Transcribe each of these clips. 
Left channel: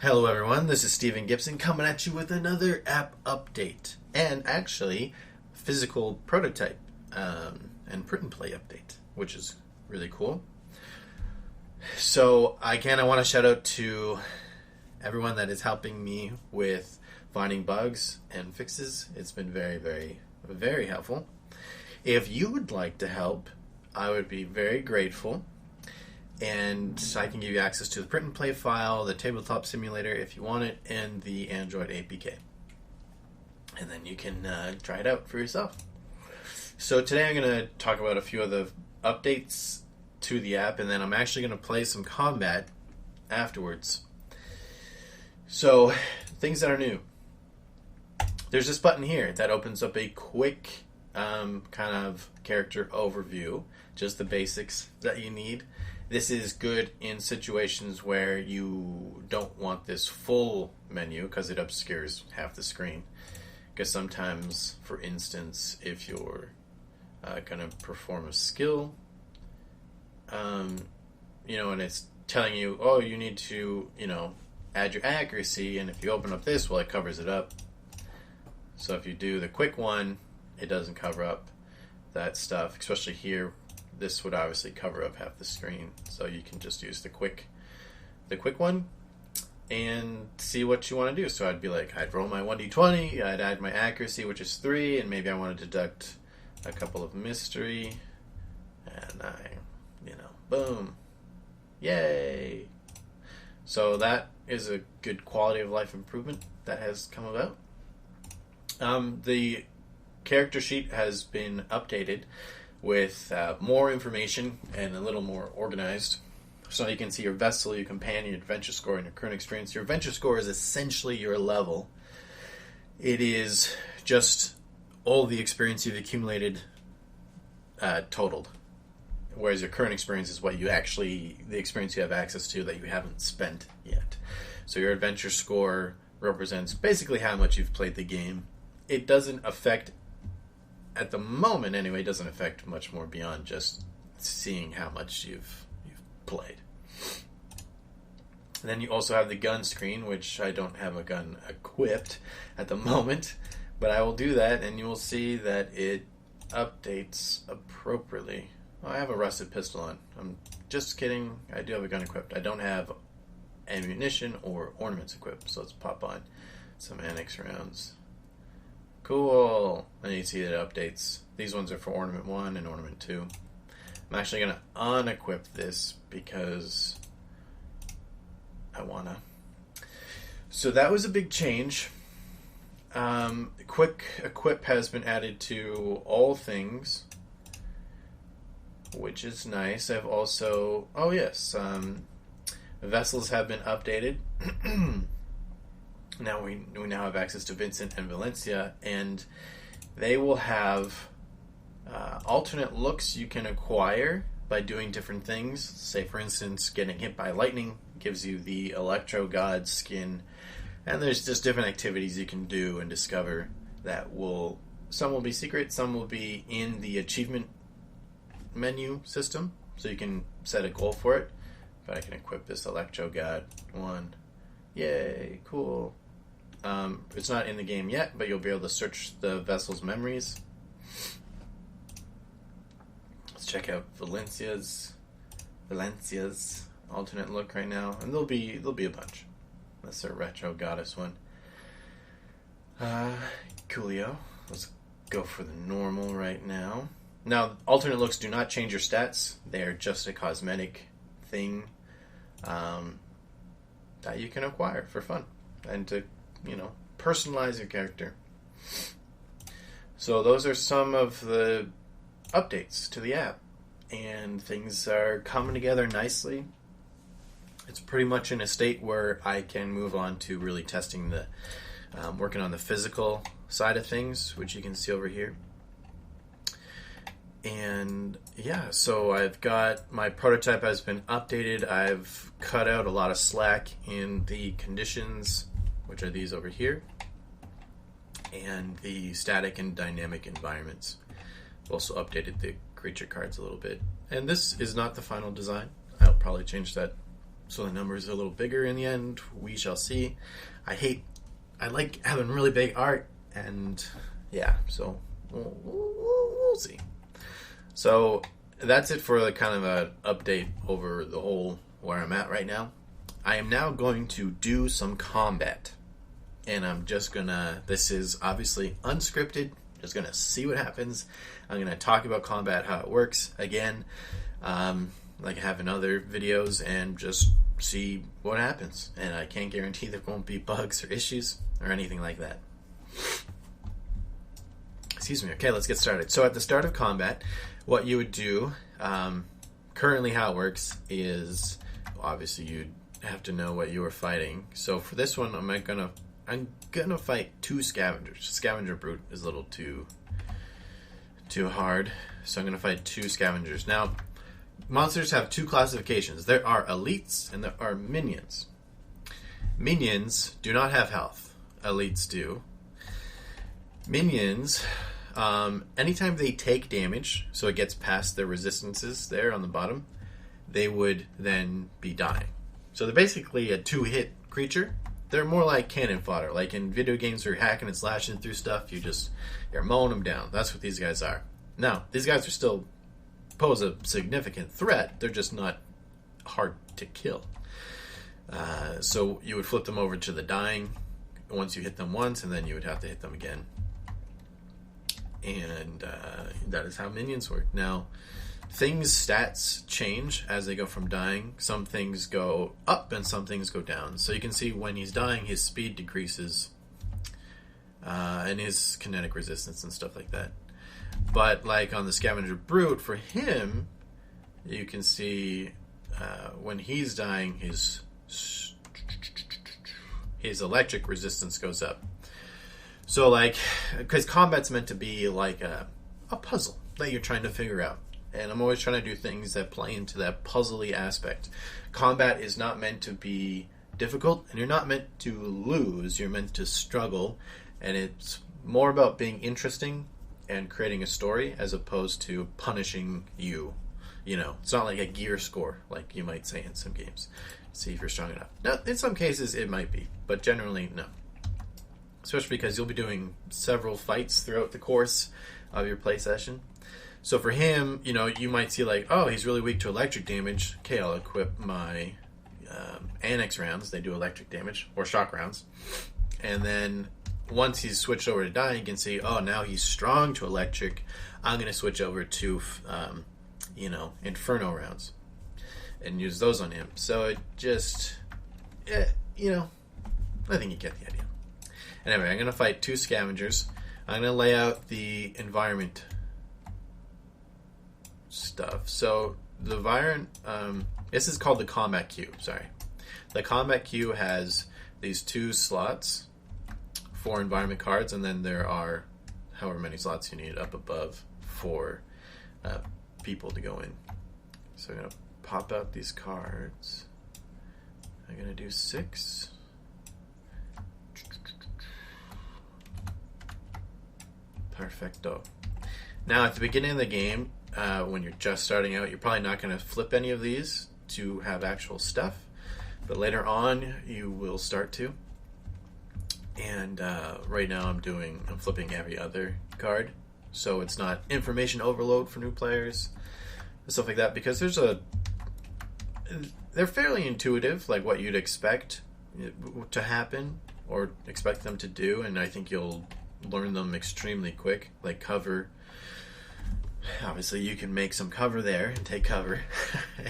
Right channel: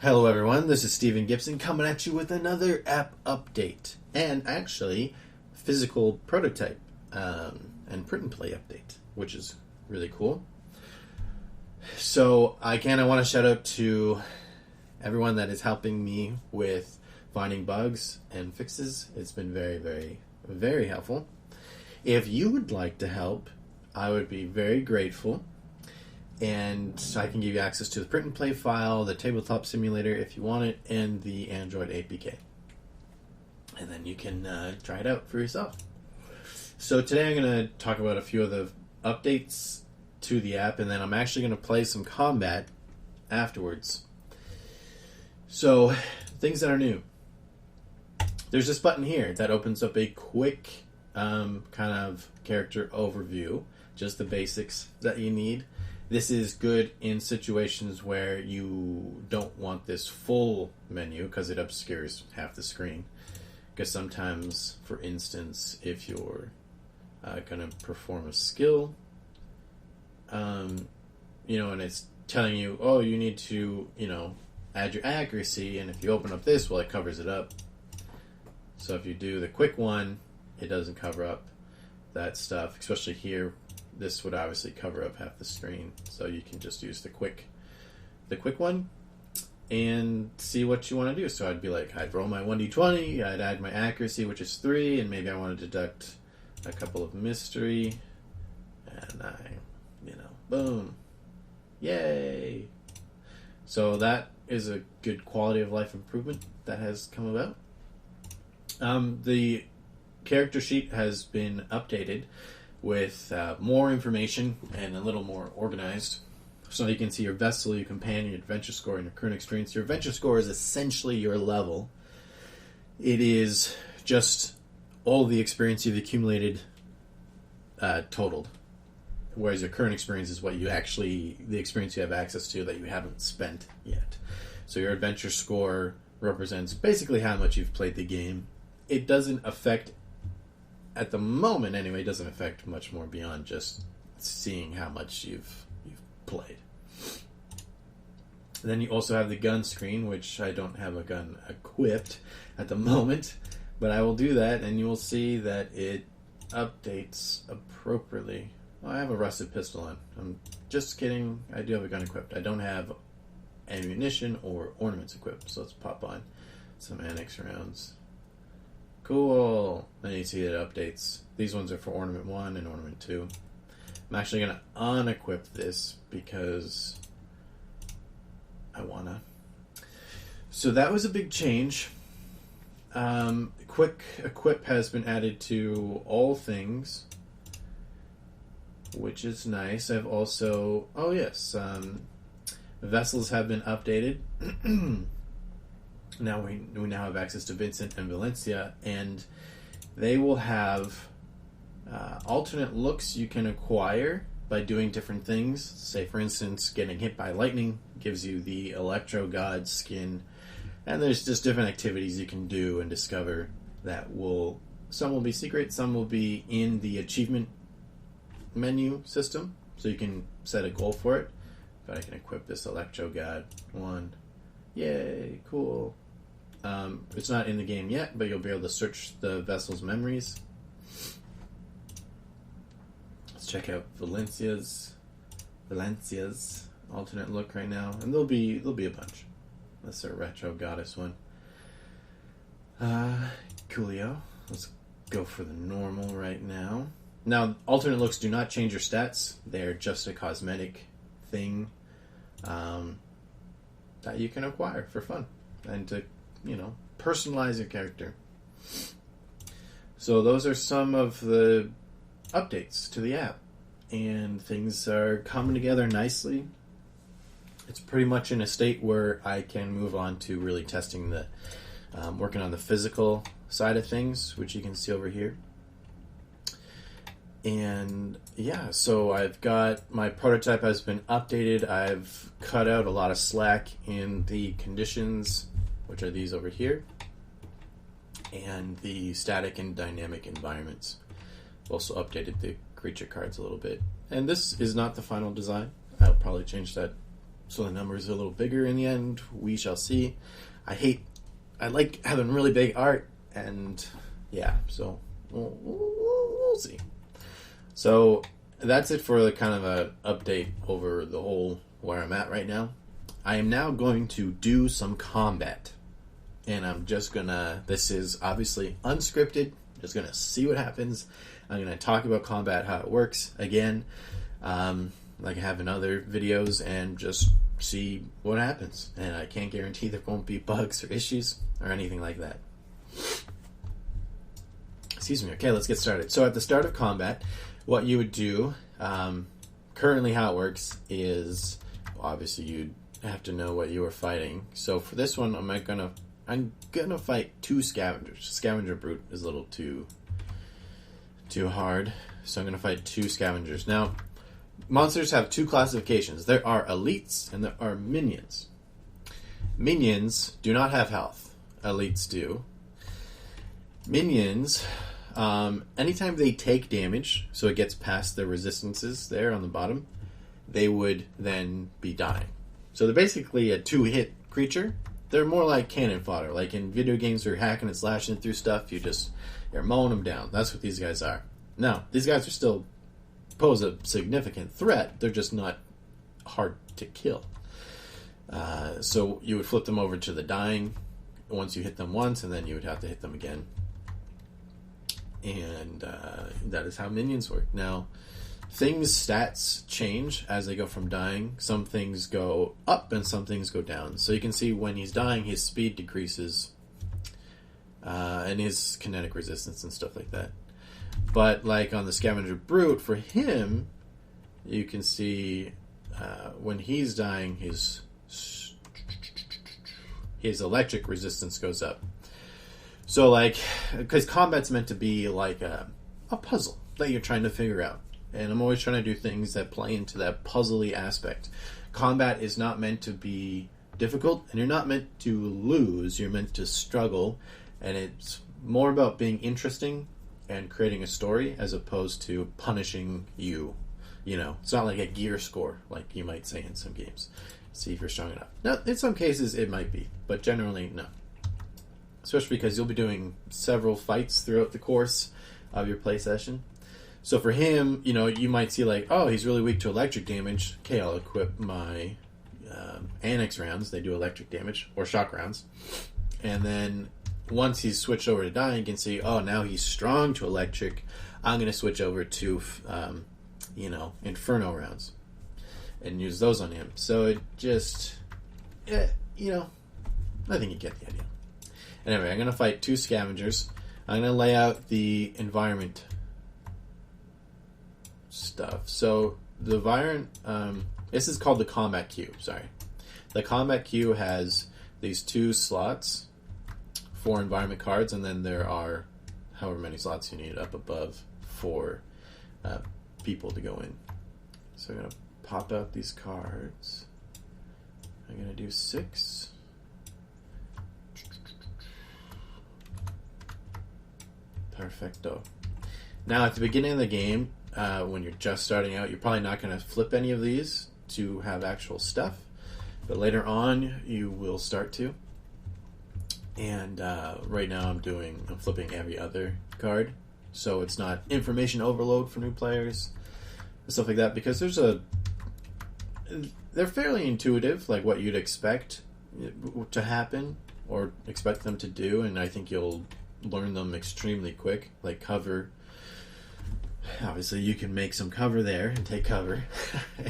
Hello, everyone. This is Steven Gibson coming at you with another app update and actually physical prototype and print and play update, which is really cool. So, I want to shout out to everyone that is helping me with finding bugs and fixes. It's been very, very, very helpful. If you would like to help, I would be very grateful. And I can give you access to the print and play file, the tabletop simulator if you want it, and the Android APK. And then you can try it out for yourself. So today I'm going to talk about a few of the updates to the app, and then I'm actually going to play some combat afterwards. So, things that are new. There's this button here that opens up a quick kind of character overview, just the basics that you need. This is good in situations where you don't want this full menu because it obscures half the screen. Because sometimes, for instance, if you're going to perform a skill, and it's telling you, oh, you need to, add your accuracy, and if you open up this, well, it covers it up. So if you do the quick one, it doesn't cover up that stuff, especially here. This would obviously cover up half the screen, so you can just use the quick one and see what you want to do. So I'd be like, I'd roll my 1d20, I'd add my accuracy, which is 3, and maybe I want to deduct a couple of mystery, and boom, yay! So that is a good quality of life improvement that has come about. The character sheet has been updated with more information and a little more organized. So you can see your vessel, your companion, your adventure score, and your current experience. Your adventure score is essentially your level. It is just all the experience you've accumulated totaled. Whereas your current experience is the experience you have access to that you haven't spent yet. So your adventure score represents basically how much you've played the game. It doesn't affect, at the moment anyway, it doesn't affect much more beyond just seeing how much you've played. And then you also have the gun screen, which I don't have a gun equipped at the moment, but I will do that, and you will see that it updates appropriately. Oh, I have a rusted pistol on. I'm just kidding. I do have a gun equipped. I don't have ammunition or ornaments equipped, so let's pop on some annex rounds. Cool. And you see it updates. These ones are for Ornament 1 and Ornament 2. I'm actually going to unequip this because I want to. So that was a big change. Quick Equip has been added to all things, which is nice. I've also... Oh, yes. Vessels have been updated. Now we now have access to Vincent and Valencia, and they will have alternate looks you can acquire by doing different things. Say, for instance, getting hit by lightning gives you the Electro God skin, and there's just different activities you can do and discover that some will be secret, some will be in the achievement menu system, so you can set a goal for it. But I can equip this Electro God one. Yay, cool. It's not in the game yet, but you'll be able to search the vessel's memories. Let's check out Valencia's alternate look right now, and there'll be a bunch. That's their retro goddess one. Coolio. Let's go for the normal right now. Now, alternate looks do not change your stats. They are just a cosmetic thing that you can acquire for fun and to, personalize your character. So those are some of the updates to the app, and things are coming together nicely. It's pretty much in a state where I can move on to really testing working on the physical side of things, which you can see over here. And yeah, so I've got my prototype has been updated. I've cut out a lot of slack in the conditions, which are these over here, and the static and dynamic environments. I've also updated the creature cards a little bit. And this is not the final design. I'll probably change that so the numbers are a little bigger in the end. We shall see. I like having really big art, and yeah, so we'll see. So that's it for kind of an update over the whole where I'm at right now. I am now going to do some combat, and I'm just gonna, this is obviously unscripted, just gonna see what happens. I'm gonna talk about combat, how it works again, like I have in other videos, and just see what happens. And I can't guarantee there won't be bugs or issues or anything like that. Excuse me. Okay, let's get started. So at the start of combat, what you would do, currently how it works is, obviously you'd have to know what you were fighting. So for this one, I'm gonna fight 2 scavengers. Scavenger brute is a little too hard, so I'm gonna fight 2 scavengers. Now, monsters have 2 classifications. There are elites and there are minions. Minions do not have health. Elites do. Minions, anytime they take damage, so it gets past their resistances there on the bottom, they would then be dying. So they're basically a 2-hit creature. They're more like cannon fodder. Like in video games where you're hacking and slashing through stuff, you're mowing them down. That's what these guys are. Now, these guys are still pose a significant threat. They're just not hard to kill. So you would flip them over to the dying once you hit them once, and then you would have to hit them again. And that is how minions work. Now, stats change as they go from dying. Some things go up and some things go down. So you can see when he's dying, his speed decreases, and his kinetic resistance and stuff like that. But like on the Scavenger Brute, for him, you can see when he's dying, his electric resistance goes up. So like, because combat's meant to be like a puzzle that you're trying to figure out. And I'm always trying to do things that play into that puzzly aspect. Combat is not meant to be difficult, and you're not meant to lose. You're meant to struggle, and it's more about being interesting and creating a story as opposed to punishing you. You know, it's not like a gear score, like you might say in some games. See if you're strong enough. Now, in some cases, it might be, but generally, no. Especially because you'll be doing several fights throughout the course of your play session. So for him, you know, you might see like, oh, he's really weak to electric damage. Okay, I'll equip my annex rounds. They do electric damage, or shock rounds. And then once he's switched over to dying, you can see, oh, now he's strong to electric. I'm going to switch over to, inferno rounds and use those on him. So it just, I think you get the idea. Anyway, I'm going to fight 2 scavengers. I'm going to lay out the environment stuff. So the environment, this is called the combat queue, sorry. The combat queue has these 2 slots for environment cards, and then there are however many slots you need up above for people to go in. So I'm going to pop out these cards. I'm going to do 6. Perfecto. Now at the beginning of the game, when you're just starting out, you're probably not going to flip any of these to have actual stuff, but later on you will start to. And right now I'm flipping every other card, so it's not information overload for new players and stuff like that, because they're fairly intuitive, like what you'd expect to happen or expect them to do, and I think you'll learn them extremely quick. Like cover, obviously you can make some cover there and take cover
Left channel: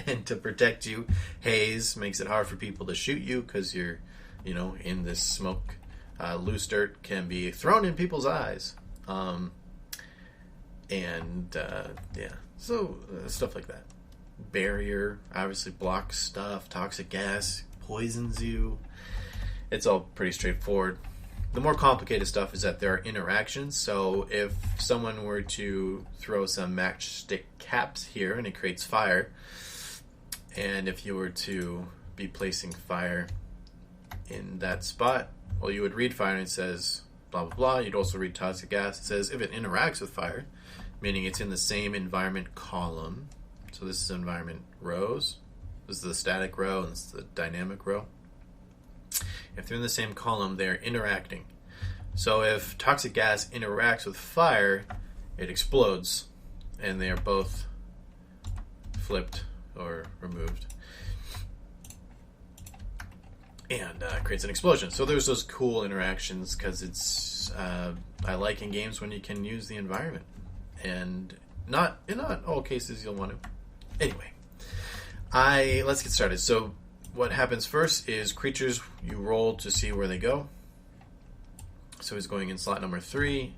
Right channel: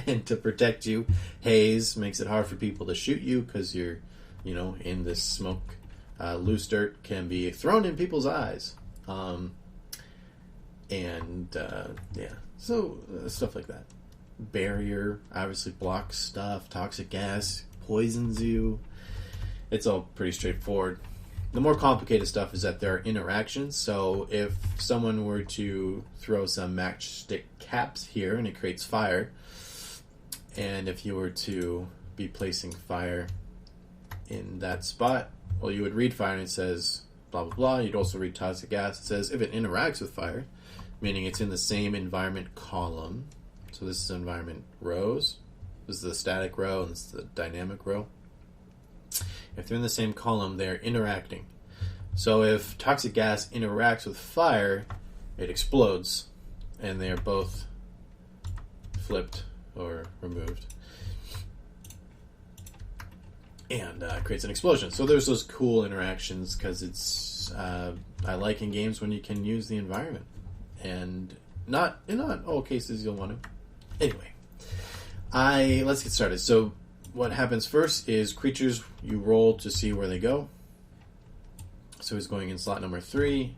and to protect you. Haze makes it hard for people to shoot you because you're in this smoke. Loose dirt can be thrown in people's eyes, so stuff like that. Barrier obviously blocks stuff. Toxic gas poisons you. It's all pretty straightforward. The more complicated stuff is that there are interactions. So if someone were to throw some matchstick caps here and it creates fire, and if you were to be placing fire in that spot, well, you would read fire and it says blah blah blah. You'd also read toxic gas. It says if it interacts with fire, meaning it's in the same environment column. So this is environment rows. This is the static row and this is the dynamic row. If they're in the same column, they're interacting. So if toxic gas interacts with fire, it explodes, and they are both flipped or removed, and creates an explosion. So there's those cool interactions because it's I like in games when you can use the environment, and not in not all cases you'll want to. Anyway, let's get started. So what happens first is creatures, you roll to see where they go. So he's going in slot number 3.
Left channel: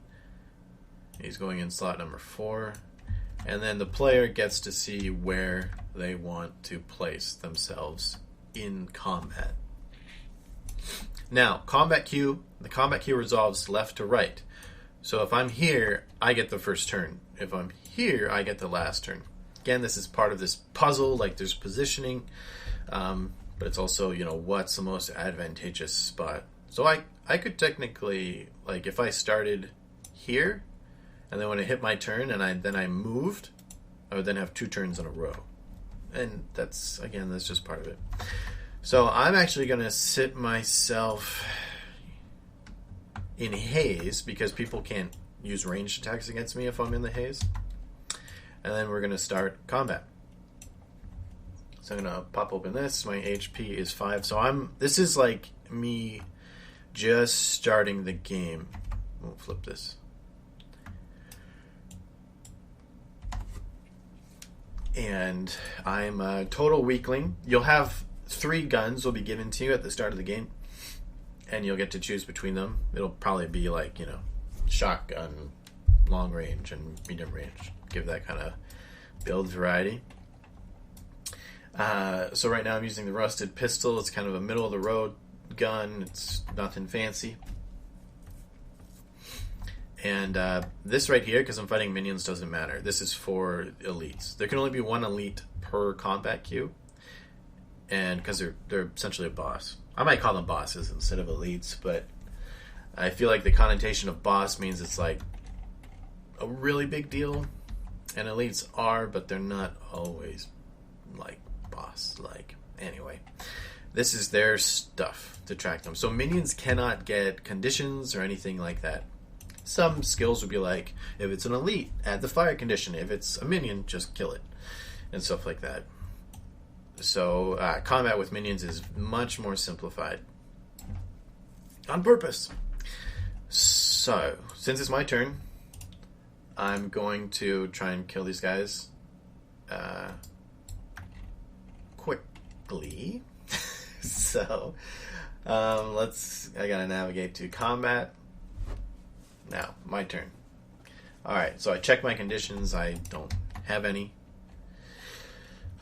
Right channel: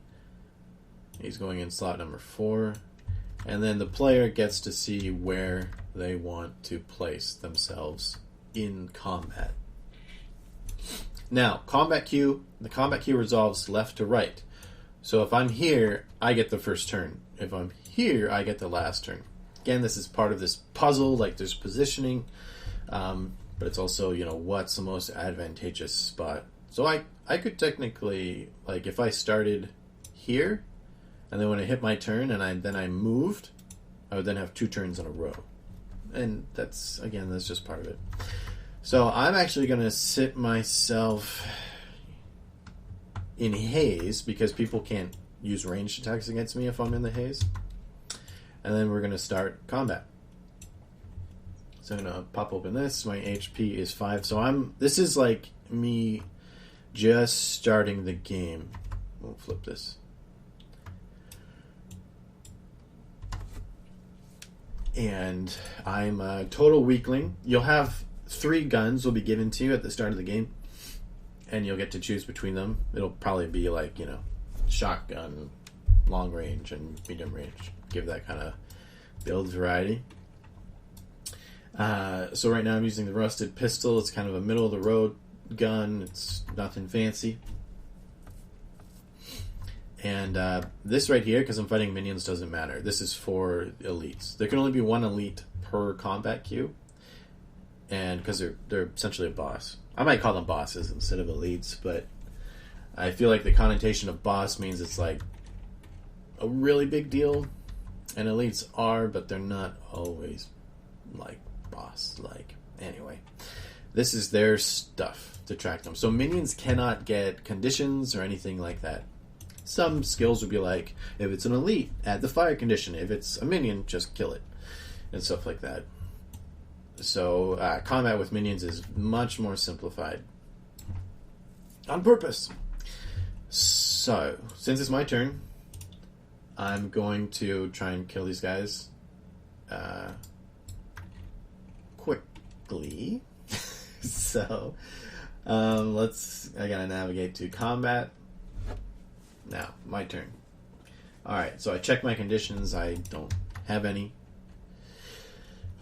He's going in slot number 4. And then the player gets to see where they want to place themselves in combat. Now, the combat queue resolves left to right. So if I'm here, I get the first turn. If I'm here, I get the last turn. Again, this is part of this puzzle, like there's positioning, but it's also, what's the most advantageous spot. So I could technically, like if I started here, and then when I hit my turn and then I moved, I would then have 2 turns in a row. And that's just part of it. So I'm actually going to sit myself in haze because people can't use ranged attacks against me if I'm in the haze. And then we're going to start combat. So I'm going to pop open this. My HP is 5. So this is like me just starting the game. We'll flip this. And I'm a total weakling. You'll have 3 guns will be given to you at the start of the game, and you'll get to choose between them. It'll probably be like, shotgun, long range, and medium range. Give that kind of build variety. So right now I'm using the rusted pistol. It's kind of a middle of the road gun. It's nothing fancy. And this right here, because I'm fighting minions, doesn't matter. This is for elites. There can only be 1 elite per combat queue, and because they're essentially a boss. I might call them bosses instead of elites, but I feel like the connotation of boss means it's like a really big deal, and elites are, but they're not always like boss. Like, anyway, this is their stuff to track them. So minions cannot get conditions or anything like that. Some skills would be like, if it's an elite, add the fire condition. If it's a minion, just kill it, and stuff like that. So combat with minions is much more simplified on purpose. So since it's my turn, I'm going to try and kill these guys quickly. So I gotta navigate to combat. Now, my turn. Alright, so I check my conditions. I don't have any.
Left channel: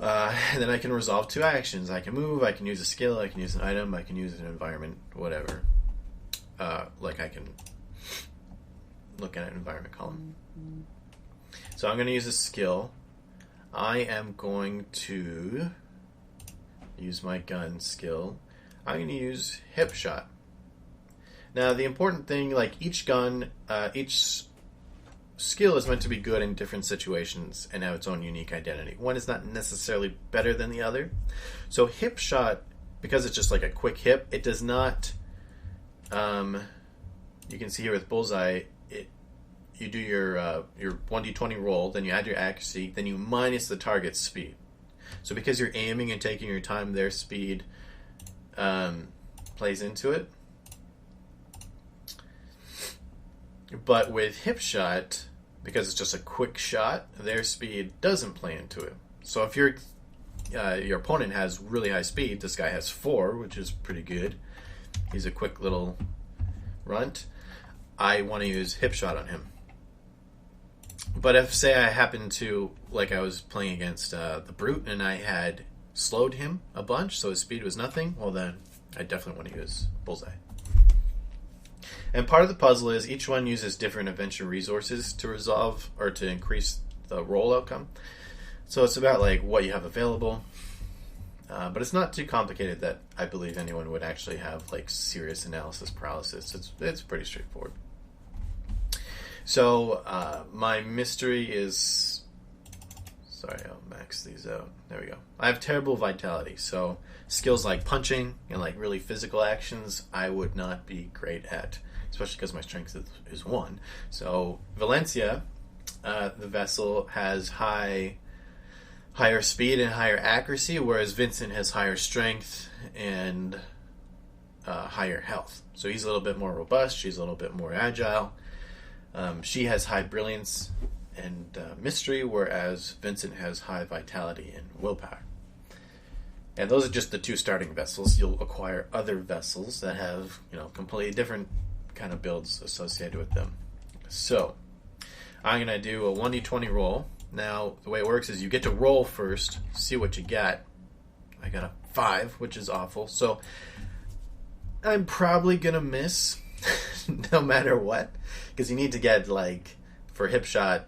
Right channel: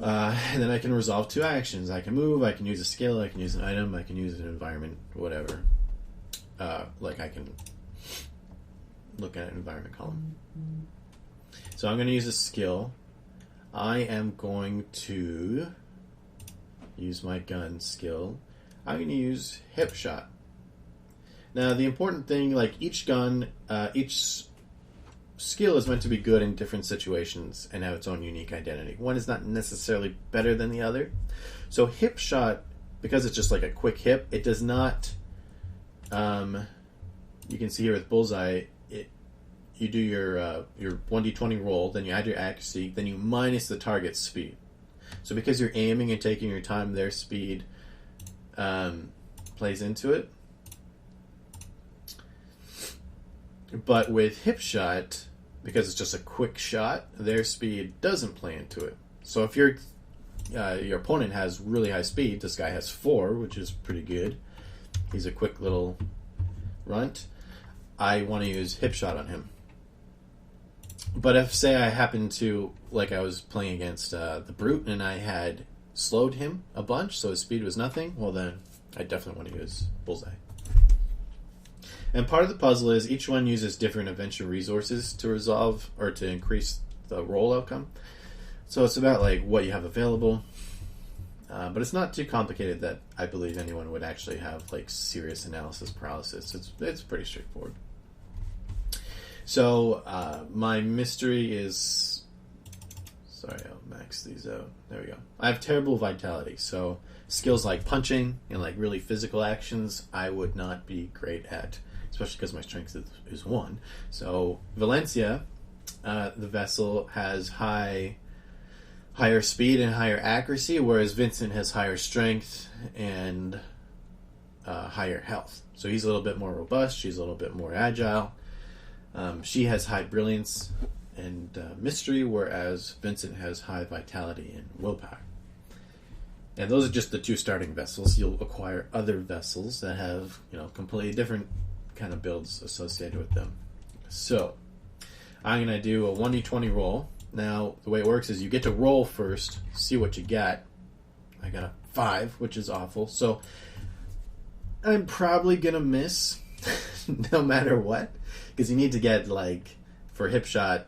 And then I can resolve 2 actions. I can move, I can use a skill, I can use an item, I can use an environment, whatever. Like I can look at an environment column. So I'm going to use a skill. I am going to use my gun skill. I'm going to use hip shot. Now, the important thing, like each gun, each skill is meant to be good in different situations and have its own unique identity. One is not necessarily better than the other. So hip shot, because it's just like a quick hip, it does not, you can see here with bullseye, you do your 1d20 roll, then you add your accuracy, then you minus the target's speed. So because you're aiming and taking your time, their speed plays into it. But with hip shot, because it's just a quick shot, their speed doesn't play into it. So if your opponent has really high speed, this guy has 4, which is pretty good. He's a quick little runt. I want to use hip shot on him. But if, say, I happen to, like I was playing against the Brute, and I had slowed him a bunch, so his speed was nothing, well then, I definitely want to use bullseye. And part of the puzzle is each one uses different adventure resources to resolve or to increase the roll outcome. So it's about like what you have available. But it's not too complicated that I believe anyone would actually have like serious analysis paralysis. It's pretty straightforward. So my mystery is... Sorry, I'm back. max these out. There we go. I have terrible vitality, so skills like punching and like really physical actions I would not be great at, especially because my strength is 1. So Valencia, the vessel, has higher speed and higher accuracy, whereas Vincent has higher strength and higher health. So he's a little bit more robust. She's a little bit more agile. She has high brilliance and mystery, whereas Vincent has high vitality and willpower. And those are just the 2 starting vessels. You'll acquire other vessels that have, completely different kind of builds associated with them. So I'm going to do a 1d20 roll. Now, the way it works is you get to roll first, see what you got. I got a 5, which is awful. So I'm probably going to miss no matter what, because you need to get, for hip shot,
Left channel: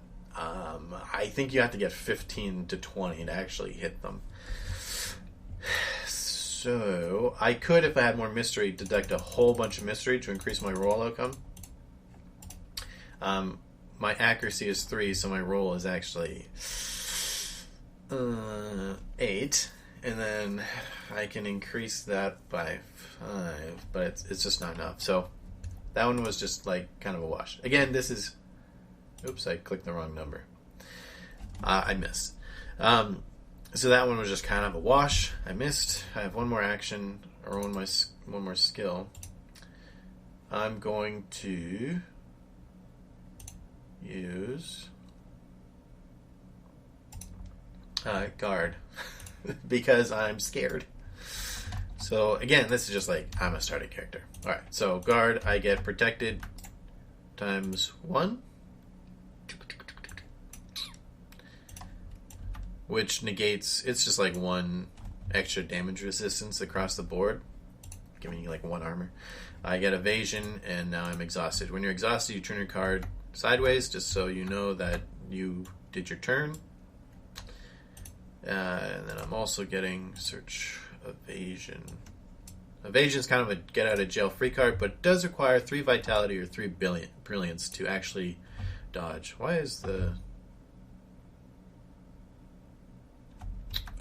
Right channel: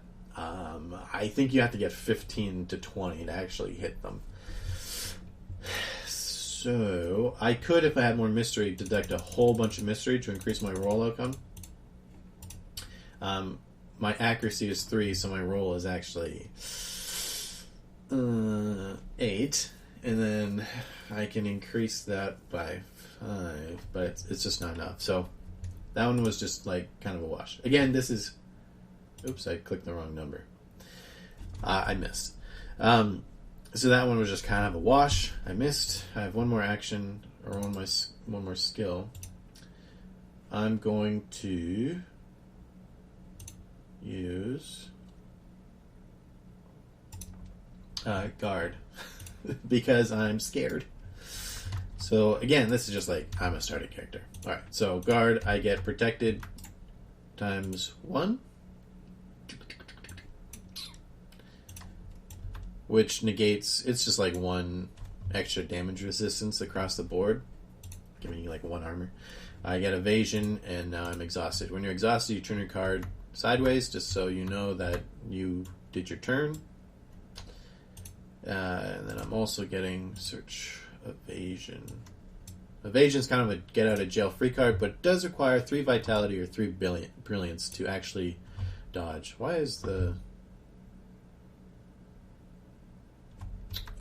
I think you have to get 15 to 20 to actually hit them. So I could, if I had more mystery, deduct a whole bunch of mystery to increase my roll outcome. My accuracy is 3, so my roll is actually 8, and then I can increase that by 5, but it's just not enough. So that one was just kind of a wash. Again, this is... Oops, I clicked the wrong number. I missed. So that one was just kind of a wash. I missed. I have one more action, or one more skill. I'm going to use guard because I'm scared. So again, this is just I'm a starting character. All right, so guard, I get protected times 1. Which negates, it's just 1 extra damage resistance across the board, giving you 1 armor. I get evasion, and now I'm exhausted. When you're exhausted, you turn your card sideways, just so you know that you did your turn. And then I'm also getting search evasion. Evasion is kind of a get out of jail free card, but it does require 3 vitality or 3 brilliance to actually dodge. Why is the...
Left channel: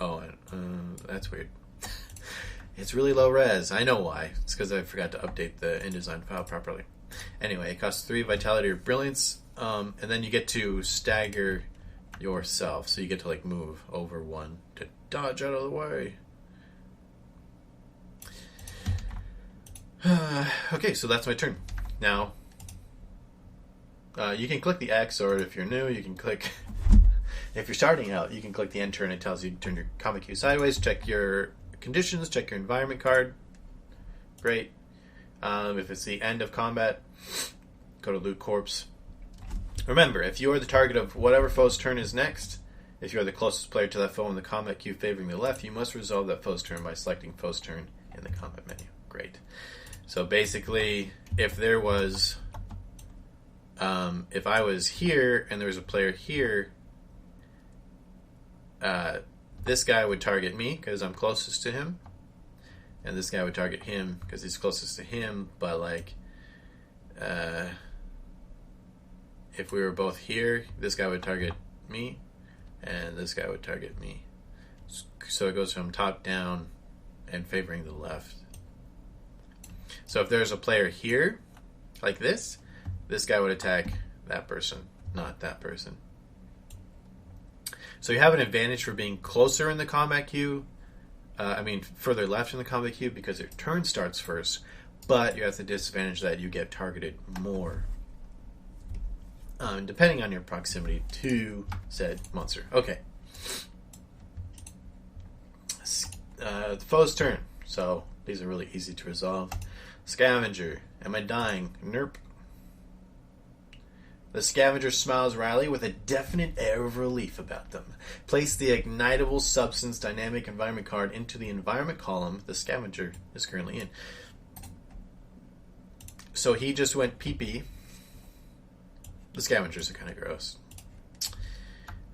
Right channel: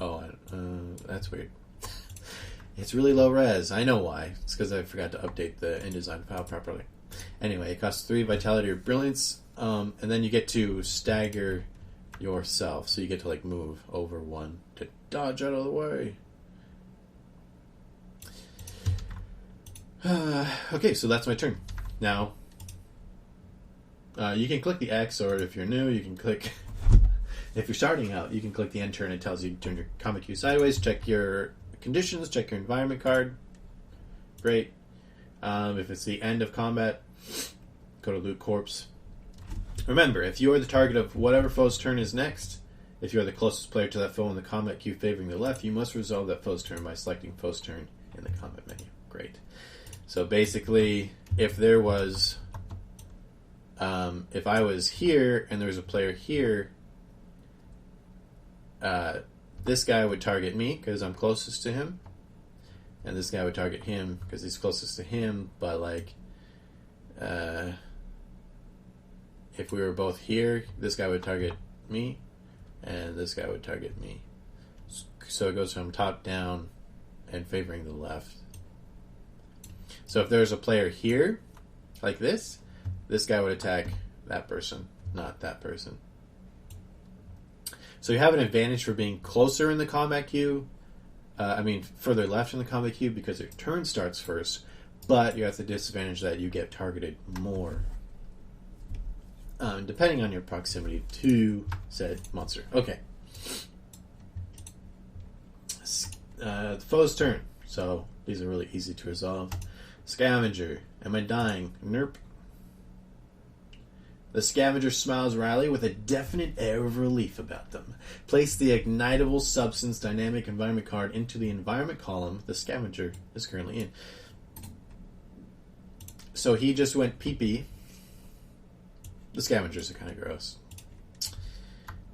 Oh, that's weird. It's really low res. I know why. It's because I forgot to update the InDesign file properly. Anyway, it costs 3 vitality or brilliance, and then you get to stagger yourself. So you get to move over 1 to dodge out of the way. Okay, so that's my turn. Now, you can click the X, or if you're new, you can click... If you're starting out, you can click the end turn. It tells you to turn your combat cue sideways, check your conditions, check your environment card. Great. If it's the end of combat, go to loot corpse. Remember, if you are the target of whatever foe's turn is next, if you are the closest player to that foe in the combat queue favoring the left, you must resolve that foe's turn by selecting foe's turn in the combat menu. Great. So basically, if there was... if I was here and there was a player here... this guy would target me because I'm closest to him, and this guy would target him because he's closest to him. But if we were both here, this guy would target me, and this guy would target me. So it goes from top down and favoring the left. So if there's a player here, like this guy would attack that person, not that person. So you have an advantage for being closer in the combat queue. Further left in the combat queue because your turn starts first. But you have the disadvantage that you get targeted more. Depending on your proximity to said monster. Okay. The foe's turn. So these are really easy to resolve. Scavenger. Am I dying? Nerp. The scavenger smiles wryly with a definite air of relief about them. Place the ignitable substance dynamic environment card into the environment column the scavenger is currently in. So he just went pee-pee. The scavengers are kind of gross.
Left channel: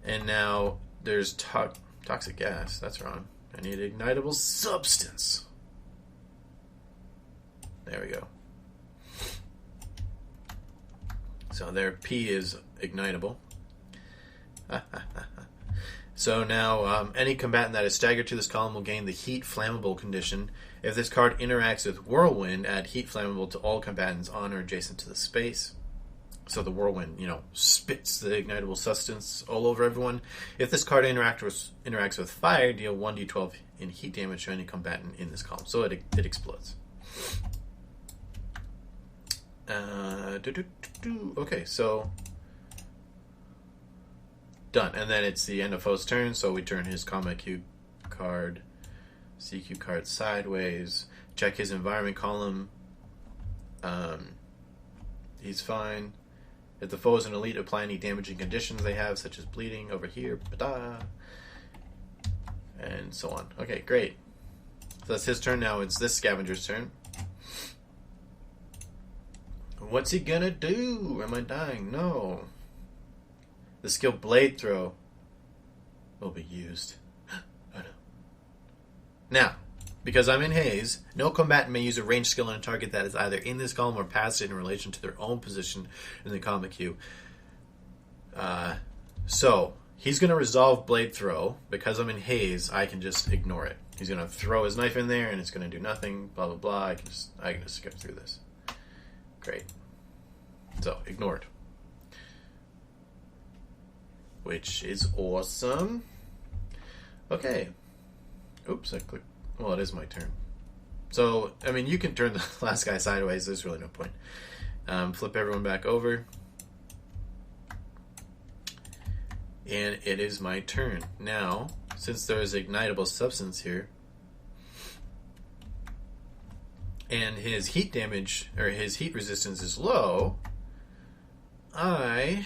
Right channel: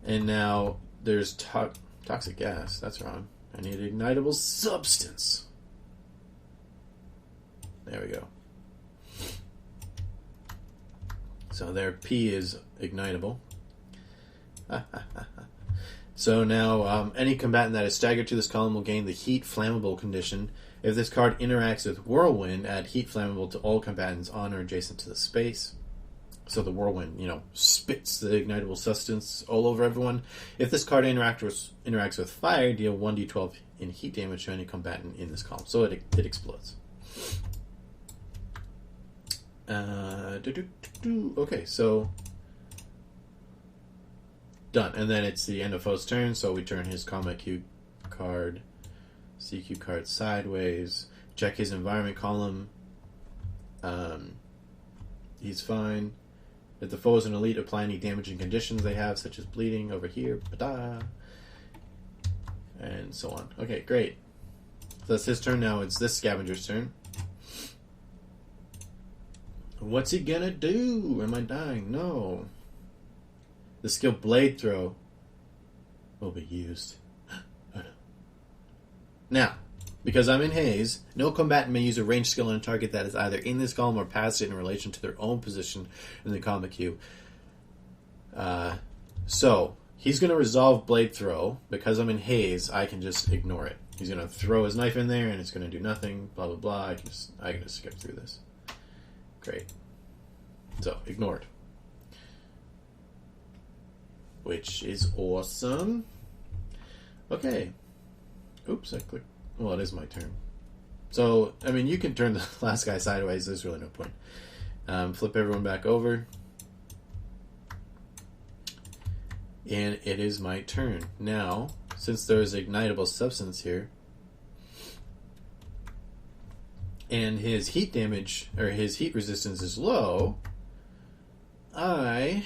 And now there's toxic gas. That's wrong. I need ignitable substance. There we go. So their P is ignitable. So now, any combatant that is staggered to this column will gain the Heat Flammable condition. If this card interacts with Whirlwind, add Heat Flammable to all combatants on or adjacent to the space. So the Whirlwind, spits the ignitable substance all over everyone. If this card interacts with Fire, deal 1d12 in heat damage to any combatant in this column. So it explodes. Okay, so done. And then it's the end of foe's turn, so we turn his combat cube card, CQ card sideways, check his environment column. He's fine. If the foe is an elite, apply any damaging conditions they have, such as bleeding over here, and so on. Okay, great. So that's his turn. Now it's this scavenger's turn. What's he gonna do? Am I dying? No. The skill Blade Throw will be used. Oh no. Now, because I'm in haze, no combatant may use a ranged skill on a target that is either in this column or past it in relation to their own position in the combat queue. So, he's going to resolve Blade Throw. Because I'm in haze, I can just ignore it. He's going to throw his knife in there and it's going to do nothing, blah, blah, blah. I can just skip through this. Great. So, ignored. Which is awesome. Okay. Oops, I clicked. Well, it is my turn. So, I mean, you can turn the last guy sideways. There's really no point. Flip everyone back over. And it is my turn. Now, since there's ignitable substance here, and his heat damage, or his heat resistance is low, I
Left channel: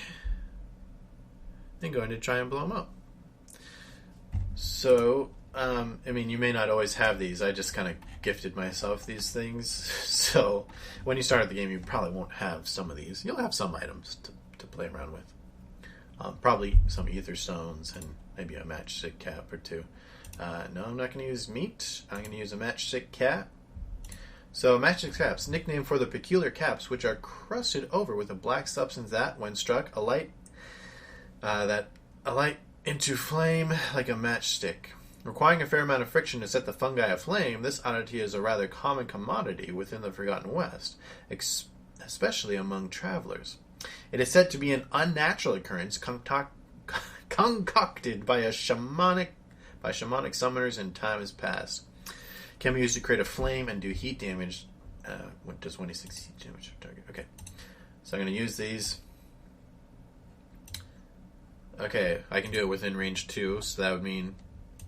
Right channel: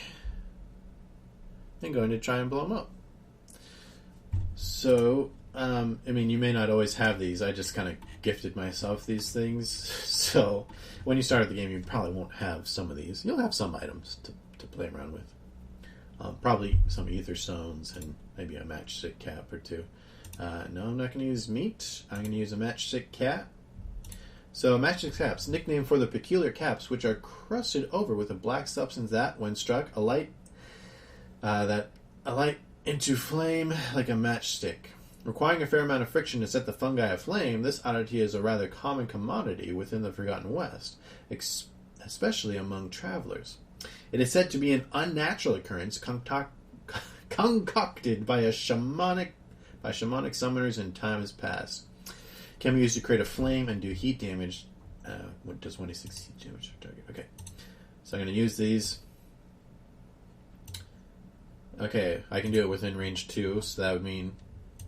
am going to try and blow him up. So, I mean, you may not always have these. I just kind of gifted myself these things. So, when you start the game, you probably won't have some of these. You'll have some items to play around with. Probably some ether stones and maybe a matchstick cap or two. No, I'm not going to use meat. I'm going to use a matchstick cap. So, matchstick caps, nicknamed for the peculiar caps, which are crusted over with a black substance that, when struck, alight into flame like a matchstick. Requiring a fair amount of friction to set the fungi aflame, this oddity is a rather common commodity within the Forgotten West, especially among travelers. It is said to be an unnatural occurrence concocted by shamanic summoners in times past. Can be used to create a flame and do heat damage. What does 26 heat damage to target? Okay, so I'm going to use these. Okay, I can do it within range 2, so that would mean...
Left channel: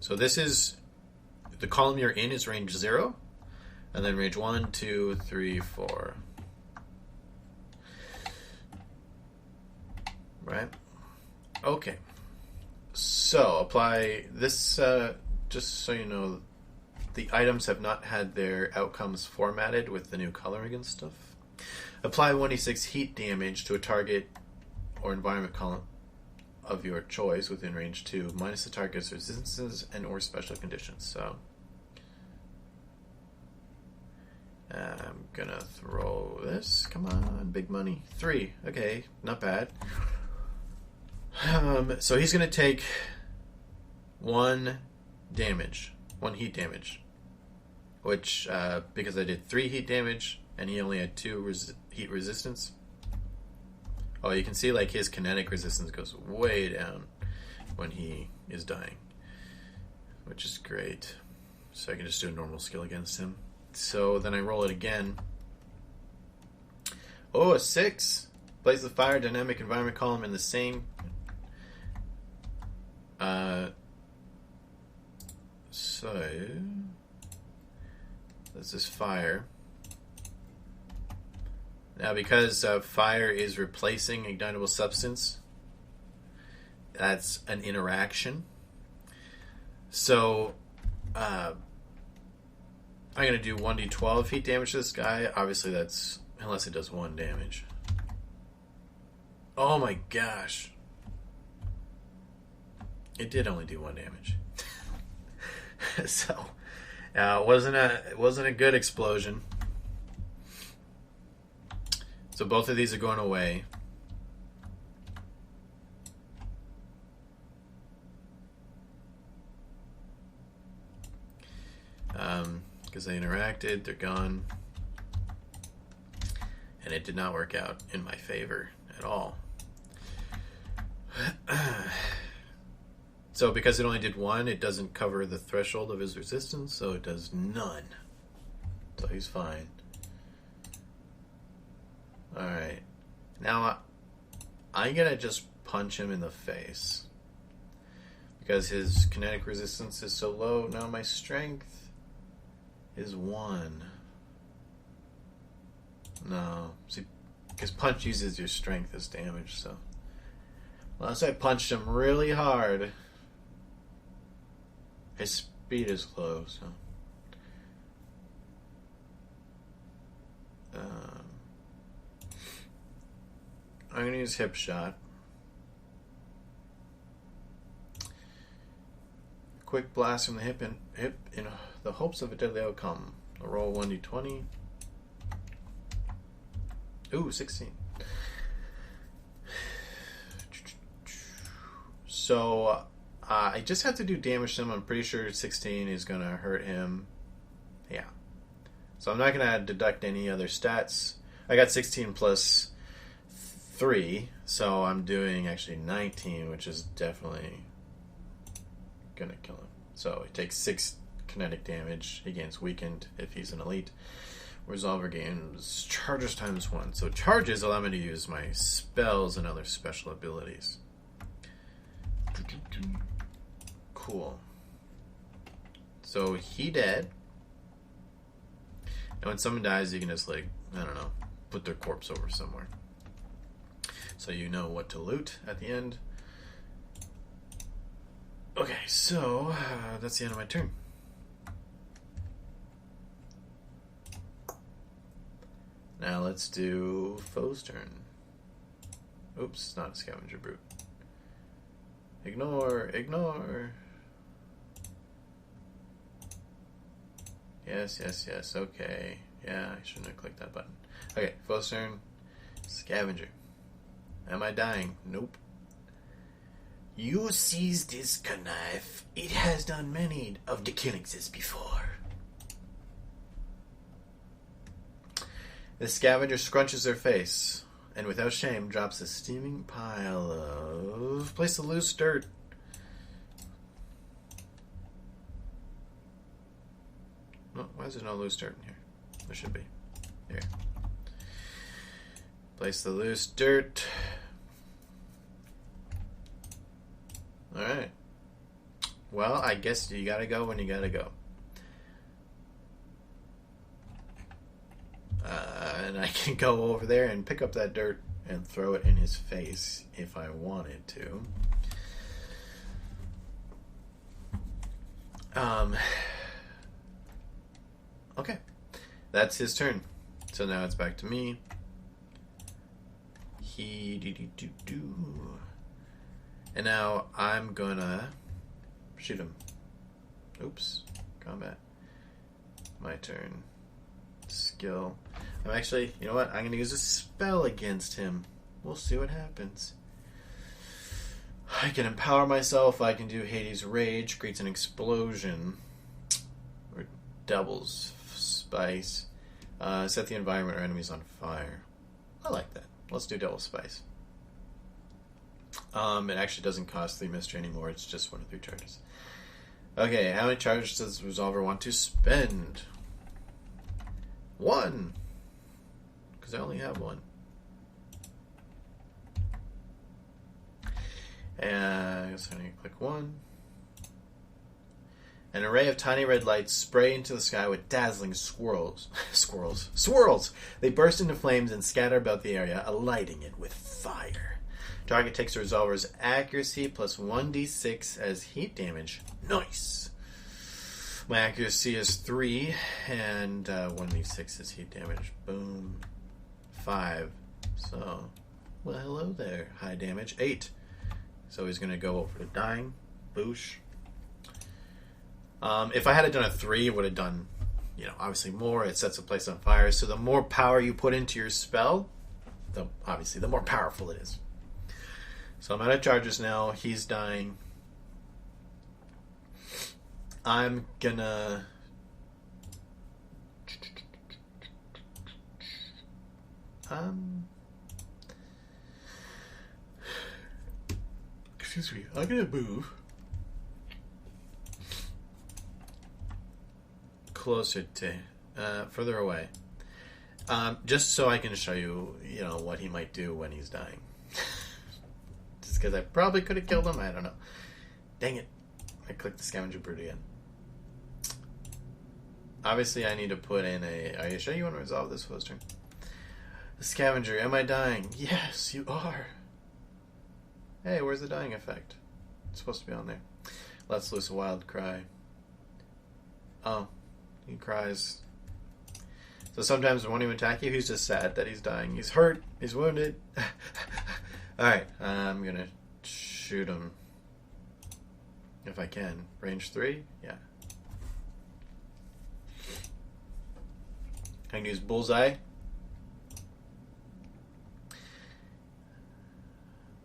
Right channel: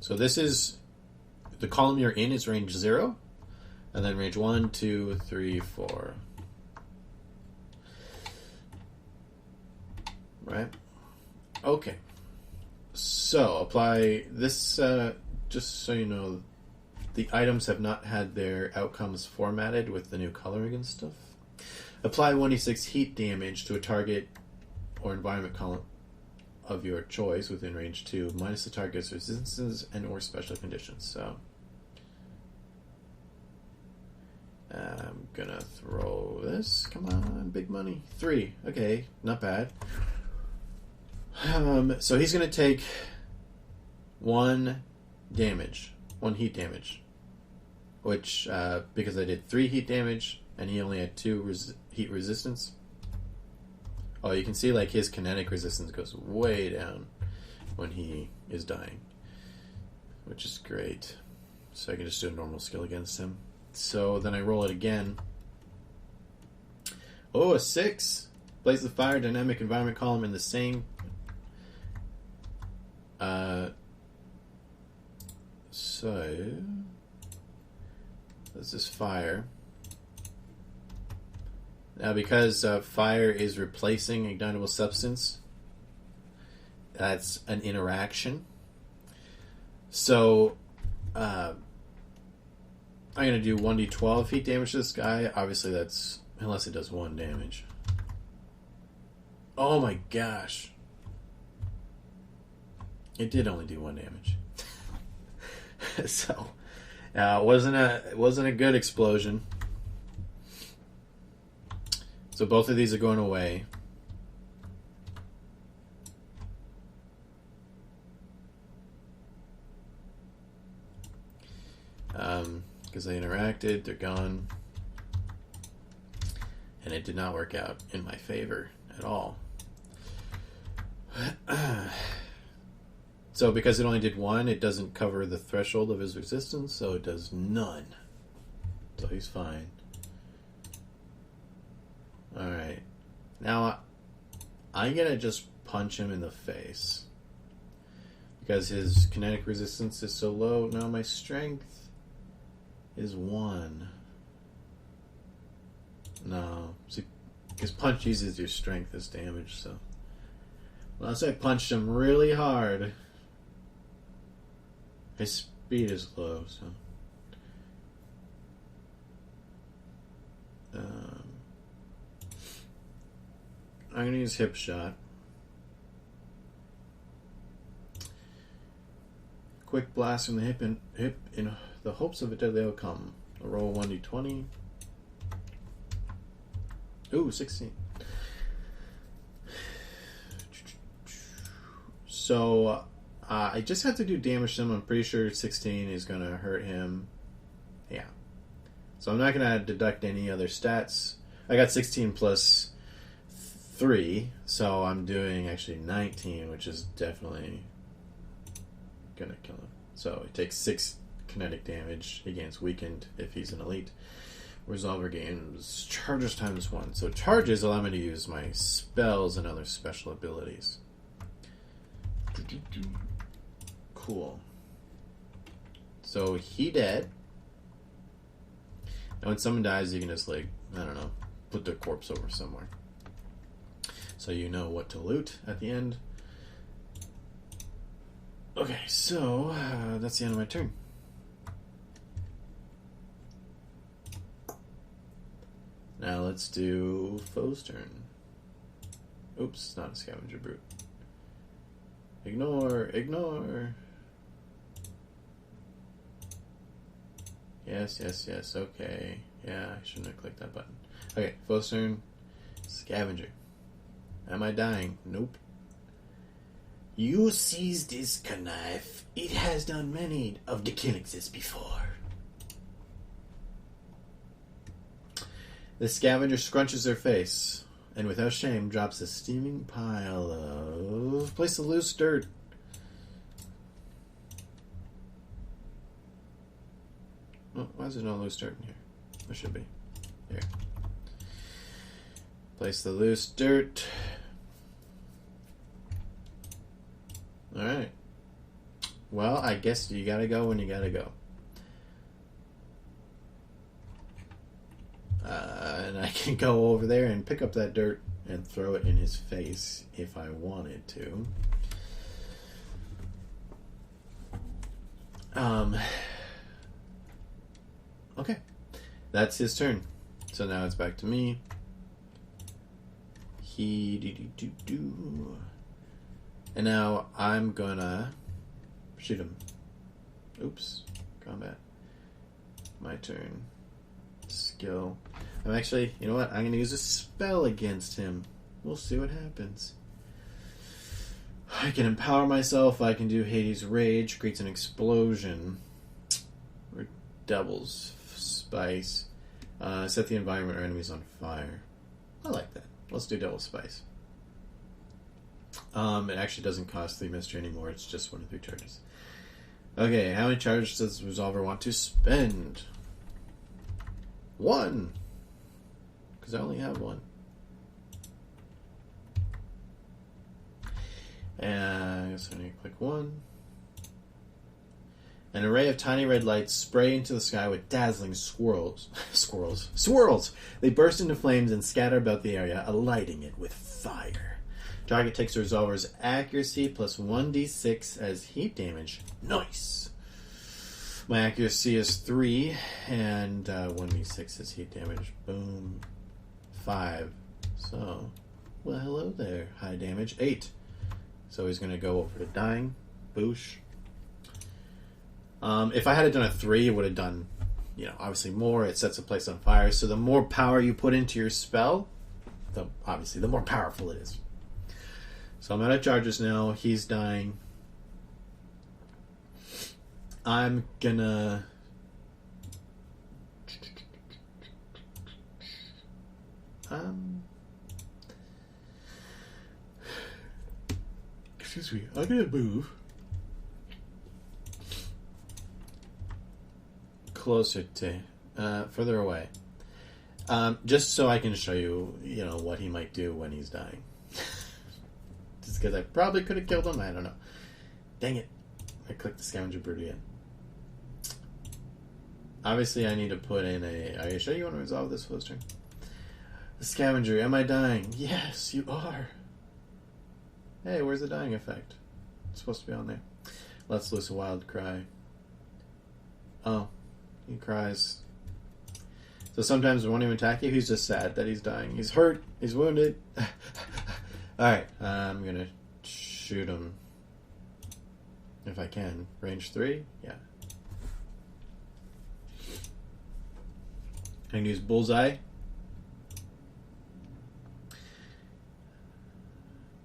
So this is... The column you're in is range 0, and then range 1, 2, 3, 4. Right? Okay. So, apply this, just so you know, the items have not had their outcomes formatted with the new coloring and stuff. Apply 1d6 heat damage to a target or environment column of your choice within range 2, minus the target's resistances and or special conditions. So, I'm gonna throw this. Come on, big money. 3. Okay, not bad. So he's gonna take 1 damage, 1 heat damage, which because I did 3 heat damage and he only had 2 heat resistance. Oh, you can see like his kinetic resistance goes way down when he is dying, which is great. So I can just do a normal skill against him. So then I roll it again. Oh, a 6. Blaze the fire dynamic environment column in the same. So this is fire. Now, because fire is replacing ignitable substance, that's an interaction. So, I'm going to do 1d12 heat damage to this guy. Obviously, that's... Unless it does 1 damage. Oh my gosh. It did only do 1 damage. So, it wasn't a good explosion. So both of these are going away. Because they interacted, they're gone. And it did not work out in my favor at all. So because it only did one, it doesn't cover the threshold of his resistance, so it does none. So he's fine. Alright. Now, I'm gonna just punch him in the face. Because his kinetic resistance is so low. Now my strength is 1. No. See, because punch uses your strength as damage, so. Unless I punched him really hard. His speed is low, so. I'm going to use hip shot. Quick blast from the hip in the hopes of a deadly outcome. I'll roll 1d20. Ooh, 16. So I just have to do damage to him. I'm pretty sure 16 is going to hurt him. Yeah. So I'm not going to deduct any other stats. I got 16 plus 3, so I'm doing actually 19, which is definitely going to kill him. So it takes 6 kinetic damage. He gains weakened if he's an elite. Resolver gains charges times 1. So charges allow me to use my spells and other special abilities. Cool. So he dead. And when someone dies, you can just, like, I don't know, put their corpse over somewhere. So you know what to loot at the end. Okay, so that's the end of my turn. Now let's do foe's turn. Oops, it's not a scavenger brute. Ignore. Yes, okay. Yeah, I shouldn't have clicked that button. Okay, foe's turn. Scavenger. Am I dying? Nope. You seize this knife. It has done many of the killings before. The scavenger scrunches their face and without shame drops a steaming pile of... Place the loose dirt. Oh, why is there no loose dirt in here? There should be. There. Place the loose dirt. Alright. Well, I guess you gotta go when you gotta go. And I can go over there and pick up that dirt and throw it in his face if I wanted to. Okay. That's his turn. So now it's back to me. And now I'm gonna shoot him. Oops. Combat. My turn. Skill. I'm actually, you know what? I'm gonna use a spell against him. We'll see what happens. I can empower myself. I can do Hades' Rage. Creates an explosion. Or doubles spice. Set the environment or enemies on fire. I like that. Let's do double spice. It actually doesn't cost 3 mystery anymore. It's just 1 of 3 charges. Okay, how many charges does the Resolver want to spend? 1. Because I only have 1. And I guess I need to click 1. An array of tiny red lights spray into the sky with dazzling swirls. Swirls! They burst into flames and scatter about the area, alighting it with fire. Target takes the Resolver's accuracy plus 1d6 as heat damage. Nice! My accuracy is 3, and 1d6 is heat damage. Boom. 5. So, well, hello there. High damage. 8. So he's going to go over to dying. Boosh. If I had done a 3, it would have done, obviously more. It sets a place on fire. So the more power you put into your spell, the more powerful it is. So I'm out of charges now. He's dying. I'm gonna Excuse me. I'm gonna move closer to, further away, just so I can show you, what he might do when he's dying. Just because I probably could have killed him. I don't know. Dang it! I clicked the scavenger brute again. Obviously, I need to put in a... Are you sure you want to resolve this first turn? The scavenger. Am I dying? Yes, you are. Hey, where's the dying effect? It's supposed to be on there. Let's loose a wild cry. Oh, he cries. So sometimes it won't even attack you. He's just sad that he's dying. He's hurt. He's wounded. Alright, I'm going to shoot him. If I can. Range 3? Yeah. I can use bullseye.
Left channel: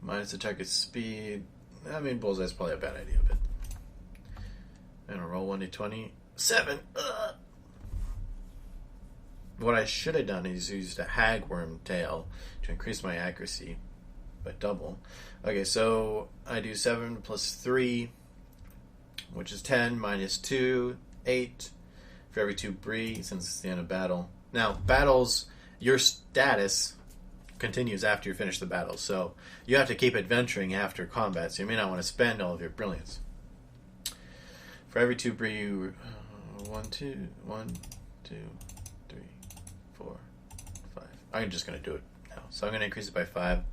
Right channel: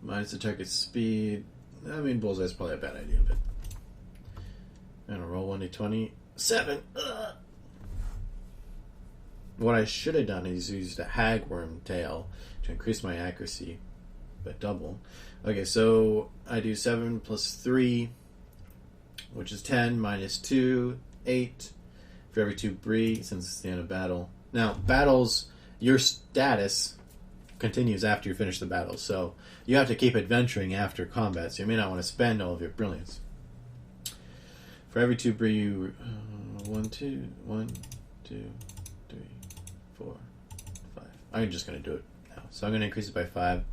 Minus the target's speed. I mean, bullseye's probably a bad idea, but... I'm gonna roll 1d20. 7! Ugh. What I should have done is used a hagworm tail to increase my accuracy by double. Okay, so I do 7 plus 3, which is 10, minus 2, 8, for every 2 brie, since it's the end of battle. Now, battles, your status continues after you finish the battle, so you have to keep adventuring after combat, so you may not want to spend all of your brilliance. For every 2 brie, you... 1, 2, 3, 4, 5. I'm just going to do it now. So I'm going to increase it by 5.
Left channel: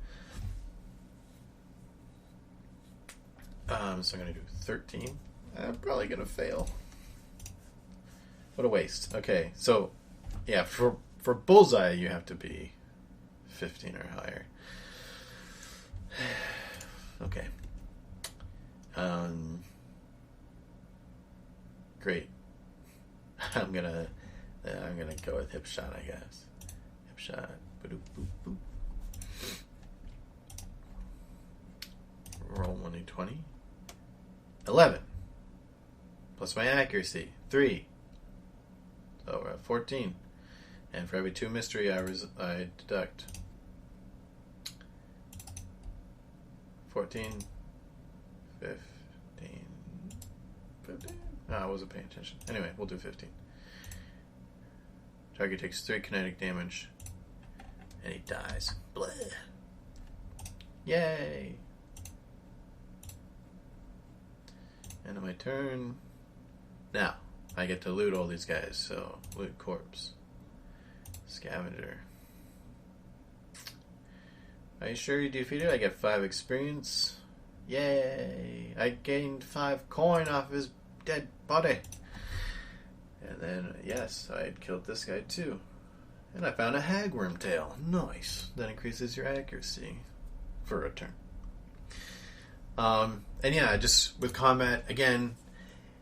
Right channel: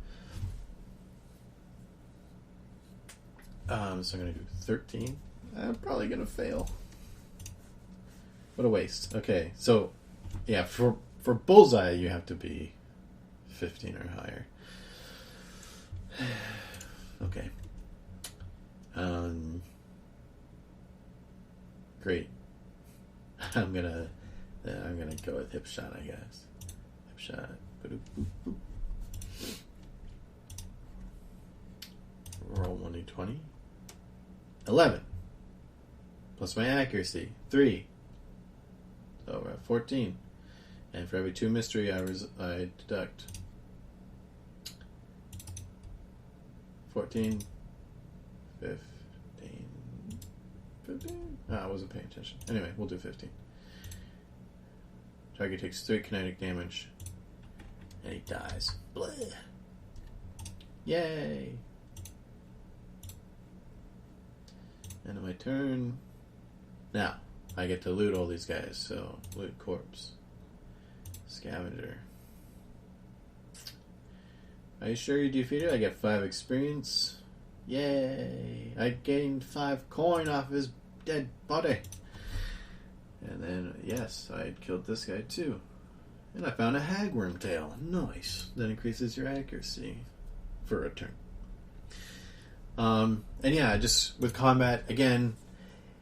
So I'm going to do 13. I'm probably going to fail. What a waste. Okay, so... Yeah, for bullseye, you have to be 15 or higher. Okay. Great. I'm gonna go with hip shot, I guess. Hip shot. Boop, boop, boop. Roll 1d20. 11. Plus my accuracy. 3. So we're at 14. And for every 2 mystery, I deduct 14, 15. Oh, I wasn't paying attention. Anyway, we'll do 15. Target takes 3 kinetic damage, and he dies. Blah. Yay! End of my turn. Now, I get to loot all these guys, so loot corpse. Scavenger. Are you sure you defeated? I get 5 experience. Yay! I gained 5 coin off his dead body. And then, yes, I killed this guy too. And I found a hagworm tail. Nice. That increases your accuracy for a turn. And yeah, just with combat, again,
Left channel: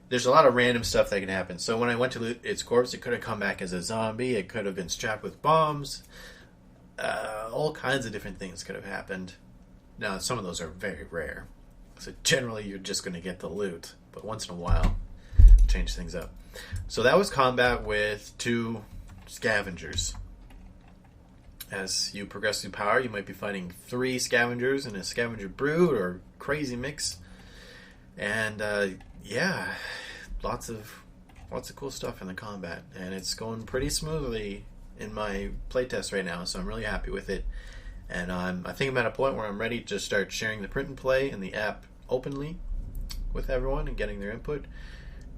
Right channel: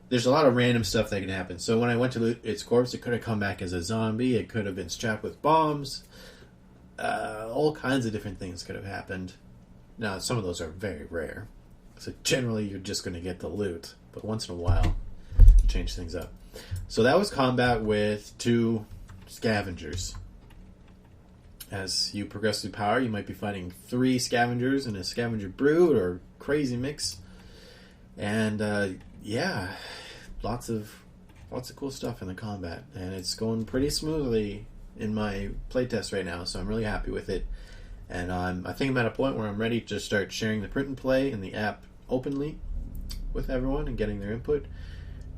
there's a lot of random stuff that can happen. So when I went to loot its corpse, it could have come back as a zombie. It could have been strapped with bombs. All kinds of different things could have happened. Now, some of those are very rare. So generally, you're just going to get the loot. But once in a while, change things up. So that was combat with 2 scavengers. As you progress through power, you might be fighting 3 scavengers in a scavenger brood or crazy mix. And yeah, lots of cool stuff in the combat, and it's going pretty smoothly in my playtest right now, so I'm really happy with it. And I think I'm at a point where I'm ready to start sharing the print and play in the app openly with everyone and getting their input,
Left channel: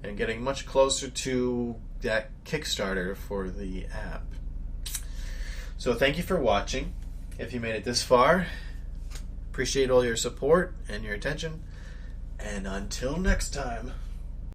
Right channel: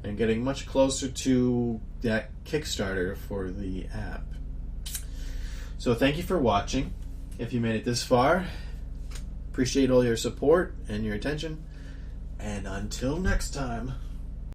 and getting much closer to that Kickstarter for the app. So thank you for watching. If you made it this far, appreciate all your support and your attention. And until next time.